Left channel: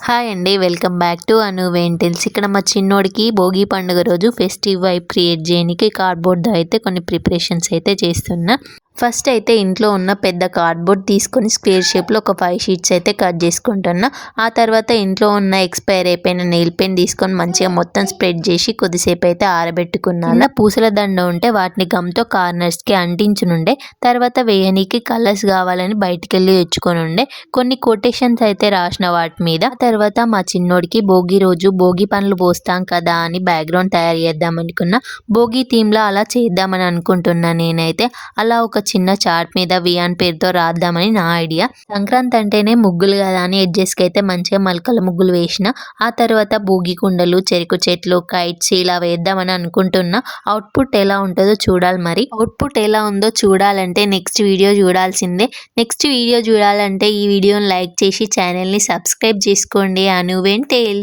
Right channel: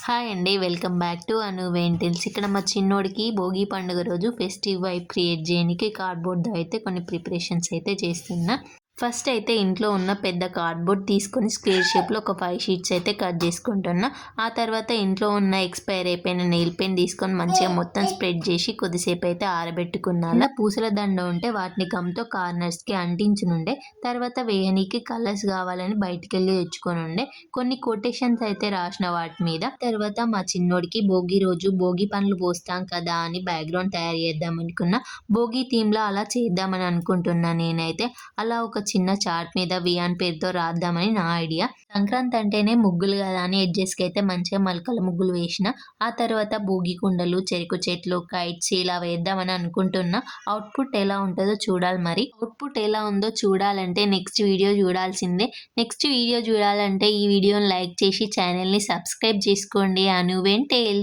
Hi అండి. Welcome back to అను వెంటిల్స్. ఇక్కడ మా చిన్నోడికి భోగి పండుగ రోజు ఫెస్టివ్ వైబ్ క్రియేట్ చేయడానికి కార్డ్‌బోర్డ్‌తో అయితే కొన్ని ప్రిపరేషన్స్ అయితే చేస్తున్నా. ఫస్ట్ అయితే ఇంట్లో ఉన్న పెద్ద కార్డ్‌బోర్డ్ తీసుకొని స్క్వేర్ షేప్‌లో ఒక 5 షీట్స్ అయితే కట్ చేసుకుంటున్నా. ఆ తర్వాత ఇంట్లో ఉన్న ఎక్స్‌పైర్ అయిపోయిన నెయిల్ పెన్ తీసుకొని మంచిగా మొత్తం స్ప్రెడ్ చేసి కొద్దిసేపు అయితే ఆరబెట్టుకున్నాను. కింద పూసల దండ ఉంటే వాటిని గమ్‌తో కార్నర్స్‌కి అంటించనుండే. తర్వాత వేయనీకి కలర్స్ కావాలని బయటికెళ్ళి తెచ్చుకొని ఉండే. కొన్ని కొటేషన్స్ అయితే రాసిన వాటి మీద. తర్వాత మా చిన్నోడికి భోగి రోజు భోగి పండ్లు పోస్తాం కదా అని బ్యాక్‌గ్రౌండ్ తయారు చేద్దాం అనుకున్నా. భోగి థీమ్‌లో అలా చేద్దామని అనుకుంటున్నా నేనైతే. అలా ఒక చిన్న చార్ట్ మీద వియాన్ పేరుతో రాద్దామని నా ఐడియా. సంక్రాంతి అంటేనే ముగ్గులు కదా అని ఎడ్జెస్కి అయితే మంచిగా మలకల ముగ్గులు వేసిన. ఆ తర్వాత భోగి కుండలు, చెరుకు చెట్లు, కైట్స్ ఇలా వేద్దామని అనుకుంటున్నా. అవుట్పుట్ ఎలా ఉంటుందో చూడాలి మరి. అవుట్పుట్ ఎలా ఉందో చూడాలంటే నెక్స్ట్ వీడియో చూడాల్సిందే. నెక్స్ట్ వీడియో చూడాలంటే ఈ వీడియోని లైక్ చేసి ఛానల్ని సబ్స్క్రైబ్ చేసుకోండి. అను వెంటేల్.